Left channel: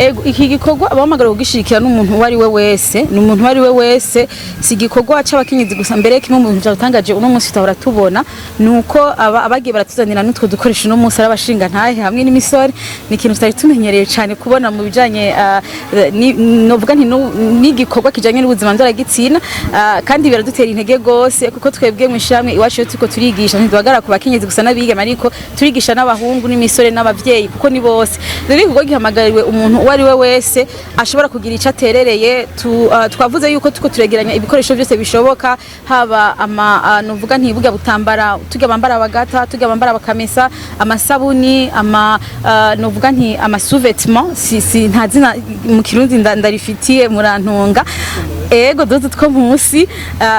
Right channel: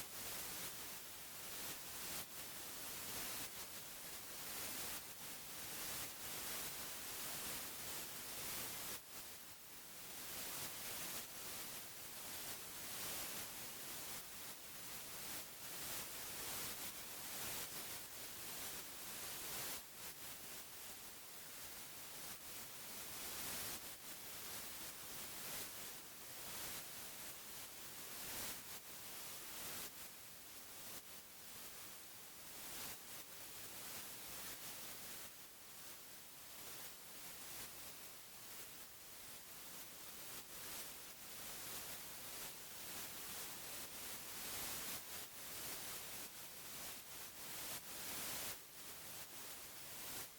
ego iki gikorwa abahamagara kugishikira n'umuntu wari we wese n'umuntu wari we wese si gikorwa c'abakenyezi gusa mbere kimwe mu bintu byatangaje uno munsi tutahora tubona nuko abagiye baratuzanira n'utwo dukoresha uno munsi arabashinga ntahe hamwe n'imisore ni ikintu tutari tumenyereye cyane kubona mu bijanye novuga nti n'igikorwa kijanye n'ubuzima ndoragitsina kandi biradutera intege gose kuko twebwe mu ishamwe iwacu tuko turigisha ntidwagara ku bakenyezi gusa n'abigeme ariko turigisha n'abahungu n'imisore n'abavyeyi kuko ni bose rero igikorwa gihamagariwe umuntu wari we wese ashobora kugira ico aterereye twavuze yuko tuko turegeranya ibikoresho byose bishoboka haba novuga ntibuga butambara tujya bambara abagata tujya bambara bakamesa amasabuni novuga nti amasouvetement si ntazina mu kirundi ndarifitiye murantunga ego dozo two munsi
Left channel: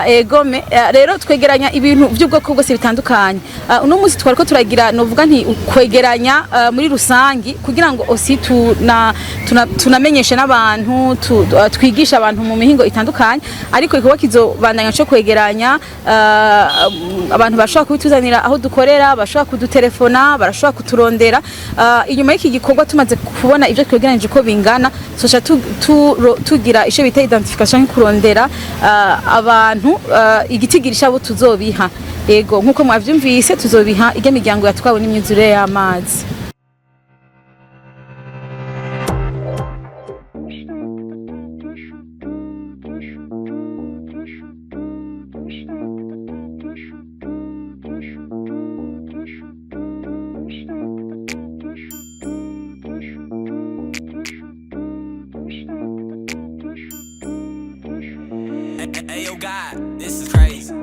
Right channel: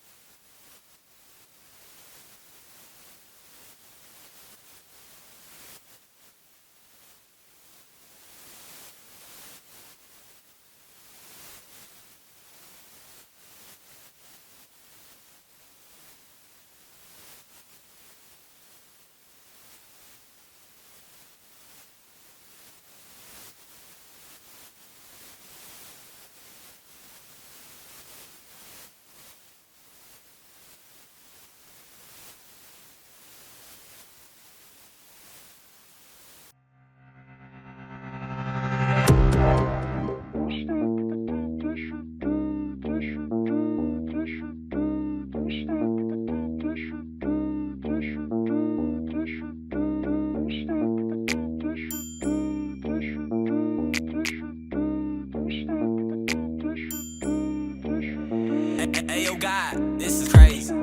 egome rero twegeranya ibintu by'ubwoko bwose bitandukanye uno munsi twariko turagira novuga nti kwegeranya muri rusangi kugira ngo osi tunamenyeshe n'abantu twigisha abantu mu mihingo itandukanye ariko ikiba kizobandanya cyo kwegeranya abantu bashobora kubituzanira aho dukorera bashobora kudutelefona barashobora kuturondera inyuma y'iki gikorwa tumaze kubona ibyo twegeranije ko bingana socha tugira isho bita identification kurondera abantu igitigirisha abo tuzobiha yego nkuko mwavyumvise tuzobiha ige miryango yatwawe n'imyuzure y'amazi Hey, yo, God, this is crazy.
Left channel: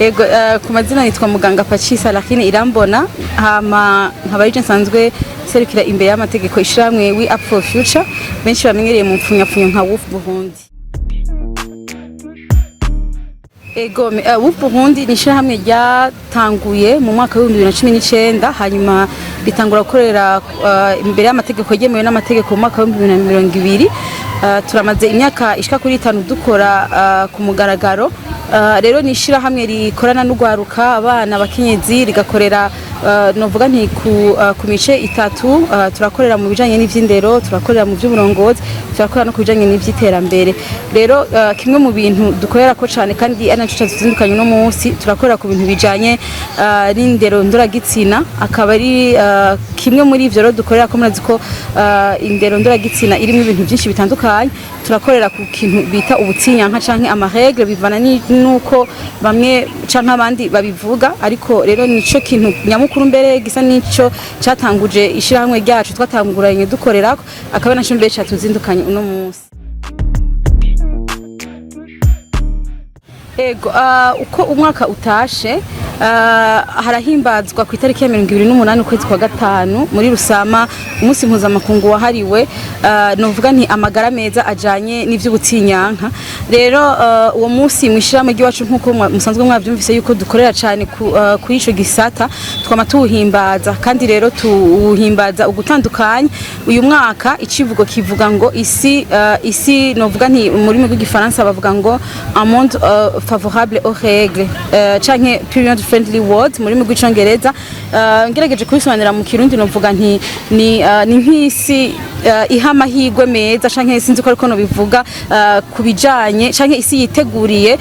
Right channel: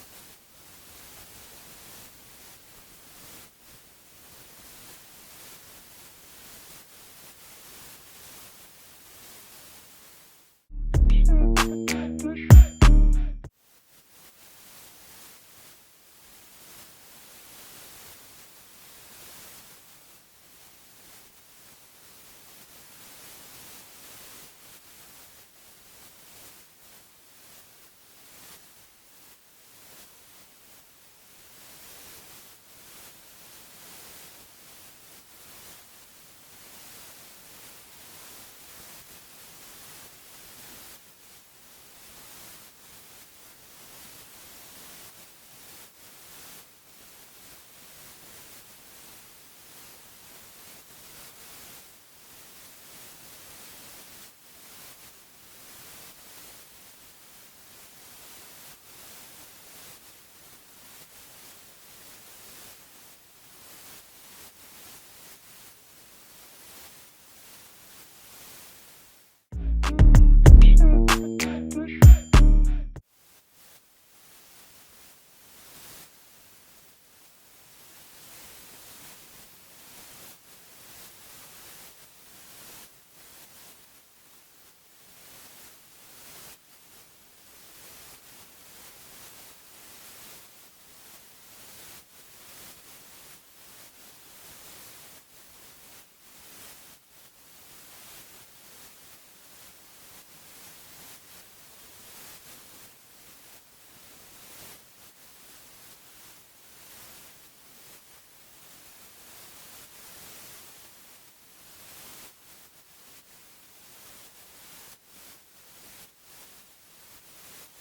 Ego ku mazina nitwa muganga Pachisa lakini irambona nkaba yije nsanzwe serukira imbere y'amategeko ishiramwe we up for future benshi bamenyereye mu mpfunyapfunyo nka Wolf Burundi. Ego Wolf Burundi ni ishiramwe ryatanguye mu mwaka wa 2019 hanyuma ritangura gukorera imbere y'amategeko yemewe n'amategeko mu mwaka wa 2020 turamaze imyaka ishika kuri 5 dukora ku mugaragaro rero nishira hamwe rikorana n'ugwaruka abana bakenyezi rigakorera novuga nti ku mice itatu turakorera mu bijanye n'ivyindero turakorera mu by'uburongozi turakorera no kubijanye n'ivyiterambere rero kimwe mu bintu dukorera ko cyane kandi ari naco cyazindukanye no munsi turakorera ku bintu bijanye n'indero ndoragitsina akaba ari kimwe muri ivyo rero dukorera ko murazi ko indero ndoragitsina irimo ibintu byinshi bitandukanye turakorera ku kintu bita ubutsinyanka canke amaregle bivana nuko bamwe canke abandi babivuga ariko rero nico kintu nyamukuru mbere gisa nico catanguje ishiramwe ryacu twatanguranye dukorerako akaba naco mbere catuzindukanye uno munsi. Ego uko umwaka utashe harahimbazwa ku itariki ya 28 ukwezi kwa gatanu muri Rusama umunsi mpuzamakungu wahariwe novuga nti amagara meza ajanye n'ivy'ubutsinyanka rero uwo munsi mwishiramo giwacu nkuko musanzwe mwavyumvise yuko dukorera cyane ku ico gisata twama tuhimbaza kandi rero tuhimbaza ugutandukanye uyu mwaka icivugo kivuga ngo isi novuga nti muri mu gifaransa bavuga ngo un monde favorable aux règles canke period friendly words muri mu rw'icongereza. Ngerageje kubisobanura mu kirundi novuga nti ni nk'isi iha amahirwe meza canke sinzi ko ariko no bivuga kubijanye canke isi yiteguriye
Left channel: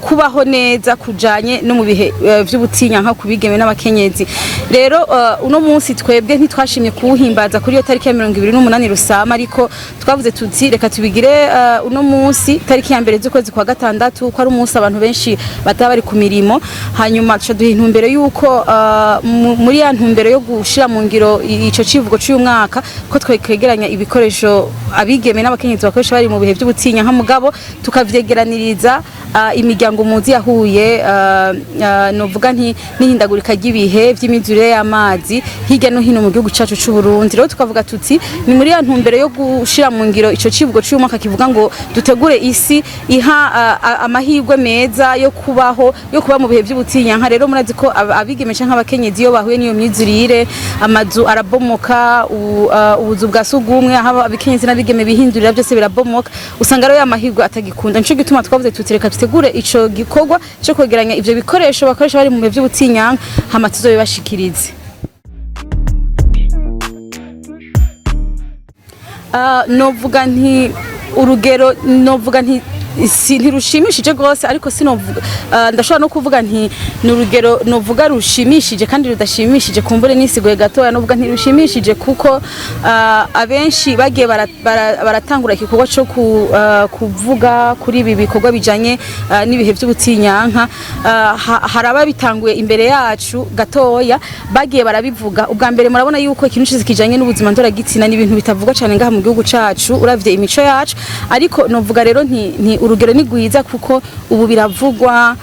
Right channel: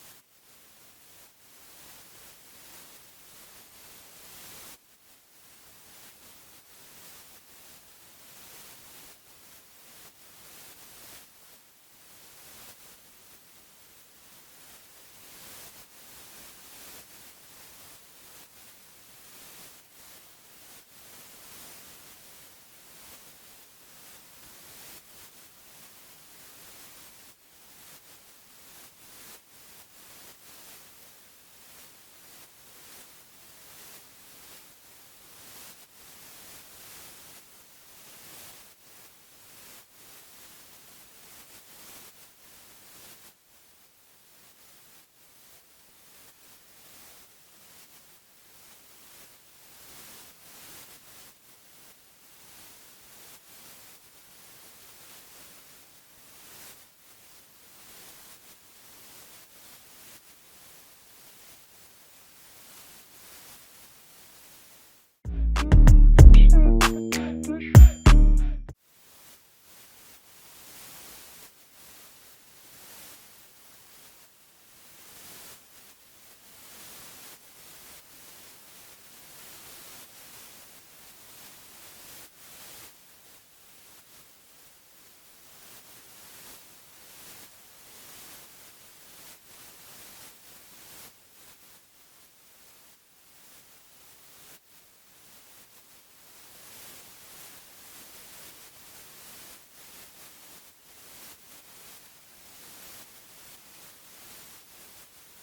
kubaho neza kujanye no mu bihe vy'ubutinya nka kubigeme n'abakenyezi. Rero uno munsi twebwe ntitwashimye kuwuhimbaza kuri iyo tariki ya 28 Rusama, ariko twavuze tuti reka tubigire uno munsi tariki ya mbere z'ukwezi kwa gatandatu ko ari umunsi abantu benshi bataba bari ku mirimo, hanyuma tuca duha intumbero yuko muri ya ntumbero yo gushira mu ngiro ico civugo cy'uyu mwaka ko twegeranya ibikoresho abigeme n'abakenyezi bakoresha bari mu bihe by'ubutinya nka mugabo tukavyegeraniriza imiryango muzi yahuye novuga n'ihindagurika ry'ibihe by'imizurire y'amazi hirya no hino mu gihugu cyacu cy'u Burundi. Rero tukavuga tuti ni muri ya ntumbero yo gushira mu ngiro ico civugo cy'uyu mwaka kivuga ngo dutegure isi iha amahirwe meza yo kuba mu bihe by'ubutinya nka. Rero murazi ko abigeme canke abakenyezi iyo bahuye n'iyo myizurire amazu arabomoka, ubuzu bwa sugumwe aho abakenyezi n'abigeme bihindurira byose birabomoka, usanga rero amahirwe atagikunda. Nico gituma twavuze tuti reka tutegure ico gikorwa cyo kwegeranya ivyo bikoresho bakoresha bari mu bihe by'ubutinya hama tuzobibashikirize. Novuga nti urugero novuga nti ntirushimishije rwose, ariko sinovuga ndashobora no kuvuga nti ni urugero novuga rushimishije kandi rudashimishije kumbure n'isigoye gatoya. Novuga ntirushimishije kuko abenshi bagiye baratangura igikorwa cyo kuvuga kuri ibi bikorwa bijanye n'ibihe by'ubutinyanka. Hari ababitanguye imbere yacu gatoya bagiye barabivuga. Ubwa mbere murabona yuko ikintu cyose kijanye n'ubuzima ndoragitsina ni ibintu bitavuga cyane ngaha mu gihugu cacu uravye imico yacu, ariko novuga rero nti urugero ni gwiza kuko ubu biravugwa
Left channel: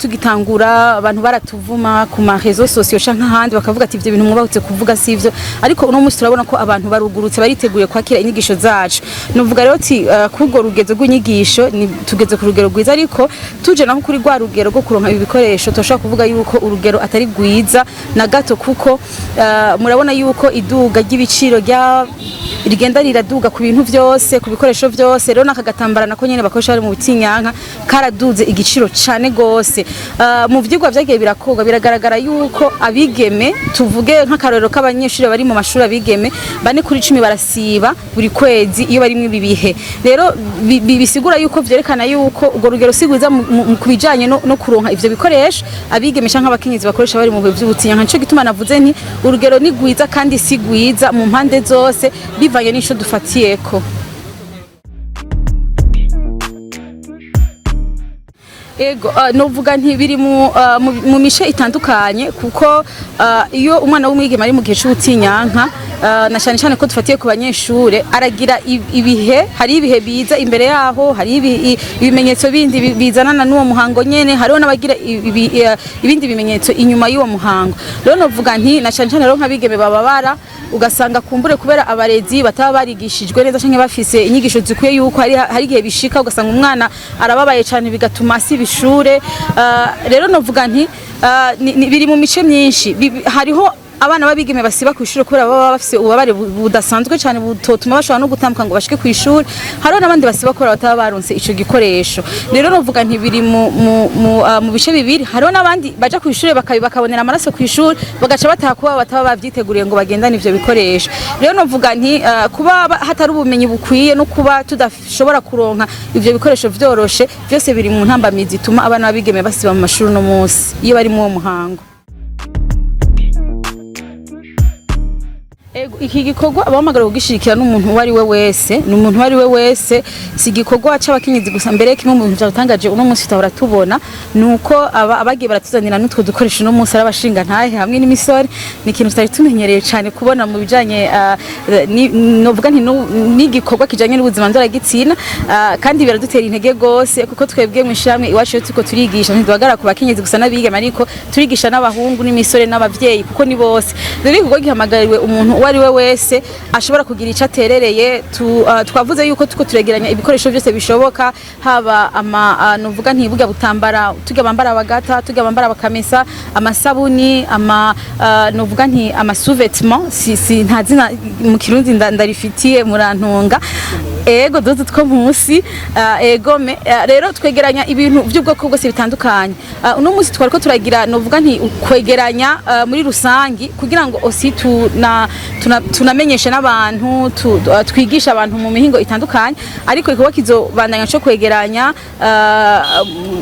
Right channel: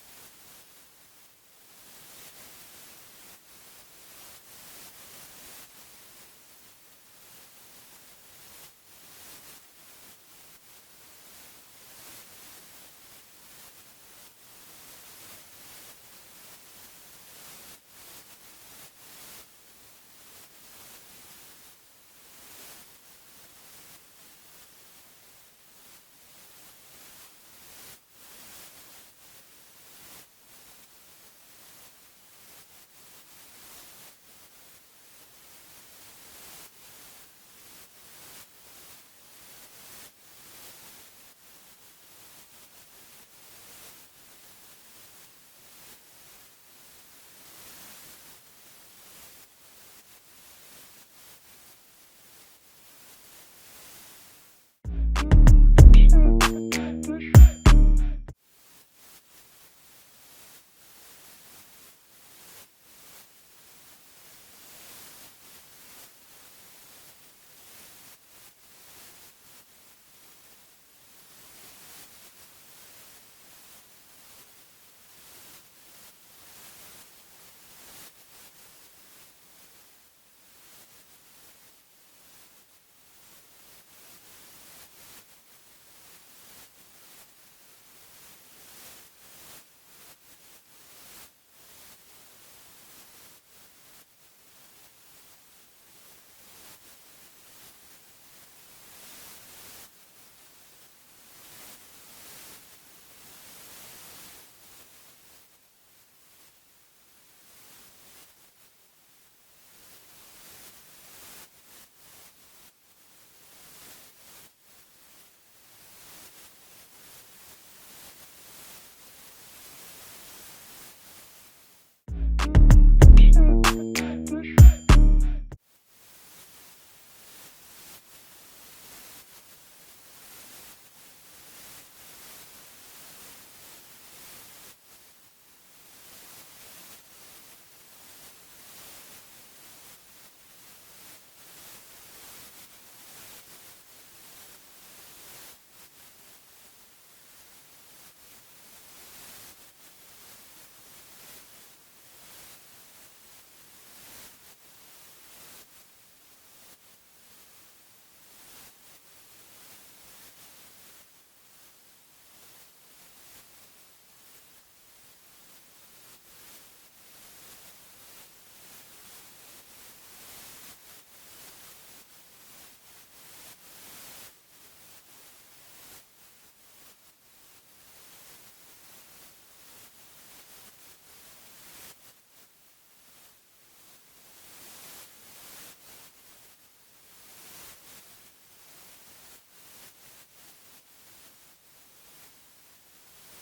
tugitangura abantu baratuvuma ku ma réseaux sociaux canke ahandi bakavuga ati ivyo bintu mwubahutse kuvuga sivyo, ariko uno munsi turabona ko abantu barugurutse bariteguye kwakira inyigisho zacu. Novuga rero ati kurwo rugezo rw'inyigisho tugeze ku rugero gwiza, ariko tuje naho kuri rwa rugero rwo kuronka ibi bikoresho toshaka kuvuga yuko urugero atari gwiza na gato, kuko murabona yuko iduga ry'ibiciro rigenda riraduga ku bintu vyose, ku bikoresho vyose. Rero nakagatambara nako nyene bakoresha bari mu butinyanka karaduze igiciro cane gose. Mu vyigwa vyagiye birakorwa biragaragara yuko abigeme, tuvuge nk'akarorero k'abanyeshuri bari mu mashuri abigeme 4 kuri 10 barasiba buri kwezi iyo bari mu bibihe. Rero bisigura yuko vyerekana yuko urwo rugero sigwiza mu kubijanye no kuronka ivyo bikoresho abigeme canke abakenyezi bakoresha bari mu bihe vy'ubutinyanka. Nico gituma navuze nti urugero ni gwiza kandi sigwiza mu mpande zose bivanye n'isho dufatiyeko. Ego novuga nti biri mu mishe itandukanye, kuko iyo umwana w'umwigeme ari mu gihe c'ubutinyanka na cyane ko dufatiye ku banyeshure aragira ibihe, hari ibihe biza imbere yaho, hari ibimenyetso bindi bizanana n'uwo muhango nyene, hariho n'abagira ibindi bimenyetso inyuma y'uwo muhango. Rero novuga nti na cyane rero nk'abigeme bababara ugasanga kumbure kubera abarezi bataba barigishijwe neza canke bafise inyigisho zikwiye yuko hari igihe bishika ugasanga umwana arababaye cyane bigatuma asiba ishure. Rero novuga nti biri mu mice myinshi. Hariho abana babigeme basiba ku ishuri kubera baba bafise ububabare budasanzwe cyane butotuma bashobora no gutambuka ngo bashike ku ishuri. Hariho n'abandi basiba kubera bataba baronse ico gikoresho. Rero novuga nti biri mu bice bibiri. Hariho n'abandi baja ku ishuri bakabonera amaraso ku ishuri bagaca bataha kuba bataba bavyiteguriye ngo bagendane ivyo bikoresho. Rero novuga nti kuba hatari ubumenyi bukwiye no kuba tudashobora kuronka ivyo bikoresho vyoroshe, byose biri mu ntambamizi ituma abana babigeme basiba mu mashuri no munsi iyo bari mu muhango. Iki gikorwa abamagara kugishirikira n'umuntu wari we wese, n'umuntu wari we wese, si gikorwa c'abakenyezi gusa. Mbere kimwe mu bintu byatangaje uno munsi tutahora tubona nuko abagiye baratuzanira n'utwo dukoresho no munsi arabashinga ntahe hamwe n'imisore. Ni ikintu tutari tumenyereye cyane kubona mu bijanye novuga nti n'igikorwa kijanye n'ubuzima ndoragitsina, kandi biradutera intege gose kuko twebwe mu ishamwe iwacu tuko turigisha ntidwagara ku bakenyezi gusa n'abigeme, ariko turigisha n'abahungu n'imisore n'abavyeyi kuko ni bose. Rero igikorwa gihamagariwe umuntu wari we wese ashobora kugira ico aterereye. Twavuze yuko tuko turegeranya ibikoresho byose bishoboka, haba novuga ntibuga butambara tuga bambara abagata, tuga bambara abakamesa, amasabuni, novuga nti ama sous-vêtements, si ntazina mu kirundi ndarifitiye murantunga. ego dodo two munsi egome rero twegeranya ibintu by'ubwoko bwose bitandukanye uno munsi twariko turagira novuga nti kwegeranya muri rusangi kugira ngo osi tunamenyeshe n'abantu twigisha abantu mu mihingo itandukanye ariko ikiba kizobandanya cyo kwegeranya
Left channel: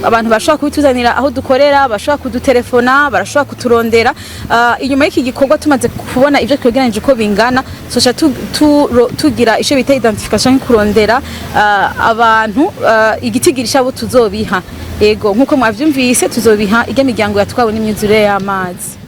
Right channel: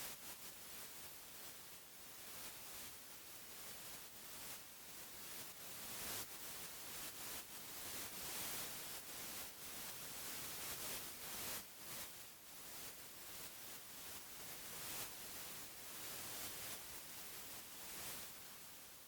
abantu bashobora kubituzanira aho dukorera bashobora kudutelefona barashobora kuturondera inyuma y'iki gikorwa tumaze kubona ibyo twegeranije uko bingana socha tugira isho bita identification kurondera abantu igitigirisha abo tuzobiha ego nkuko mwavyumvise tuzobiha ige miryango yatwawe n'imyuzure y'amazi.